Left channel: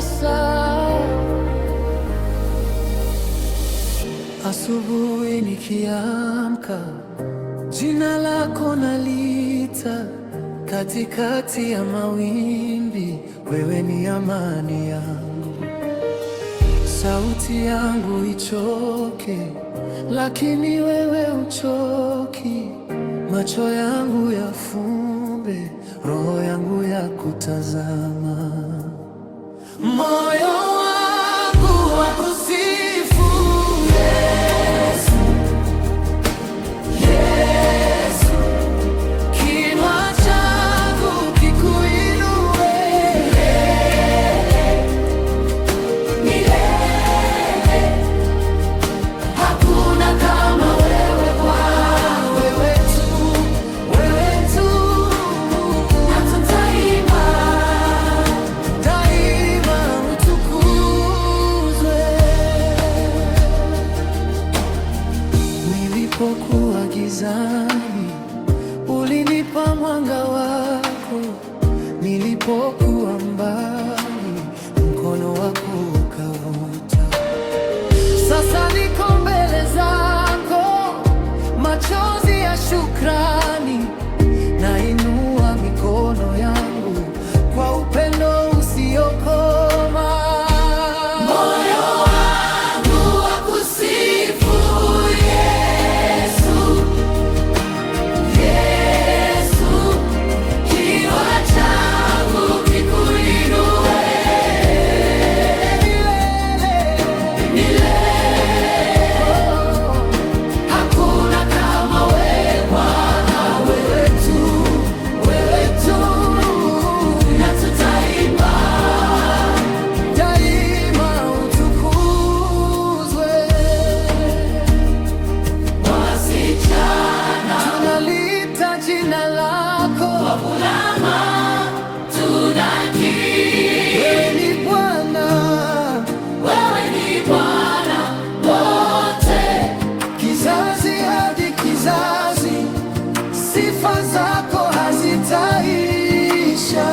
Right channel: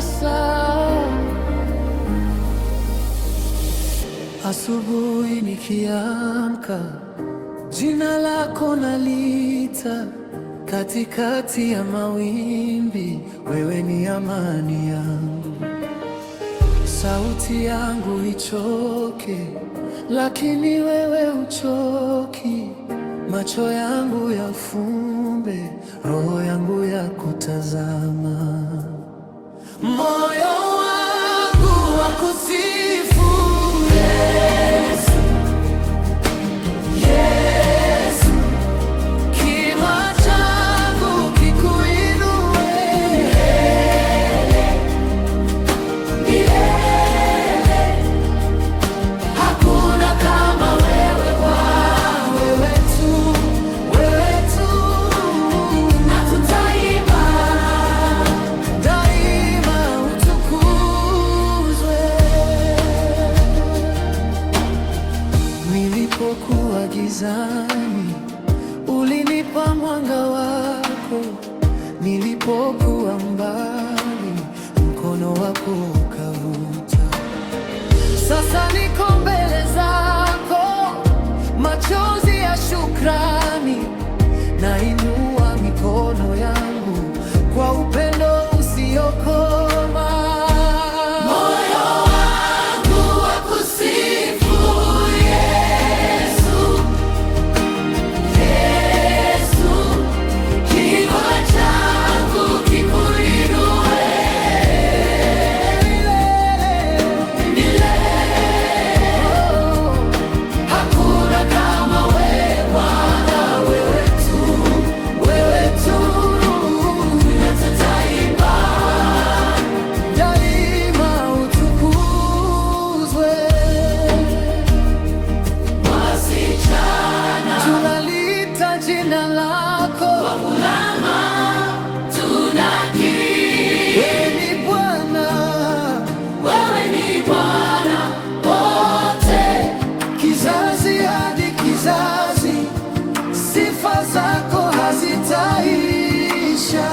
sasa. Asubuhi nikiamka, jina lako naliita, katikati ya mawimbi, wewe ni amani yangu. Sauti yangu ichoke, lakini wewe uchoki. Macho yangu yafumbe, roho yangu ya kutazama. Moyo wangu wakusifu Yesu, Yesu. Kinywa changu kikuinue milele, milele. Hakuna kama wewe Bwana, wewe tu, wewe tu. Na tutaimba daima, utukuzwe. Nilipokuwa gizani, ulinipa mwanga wako. Nilipokuwa mbali, mkono wako ukavuta. Sasa niko mbele zako, machozi ya shukrani. Nainua mikono yangu kwa upendo usiokoma. Moyo wangu wakusifu Yesu, Yesu. Kinywa changu kikuinue milele, milele. Oh, hakuna kama wewe Bwana, wewe tu, wewe tu. Na tutaimba daima, utukuzwe. Wasichana tunalita jina lako, wavulana tunakiri, wewe ni Bwana, wewe ni Bwana wote. Kizazi hadi kizazi, sifa zako hazitaisha.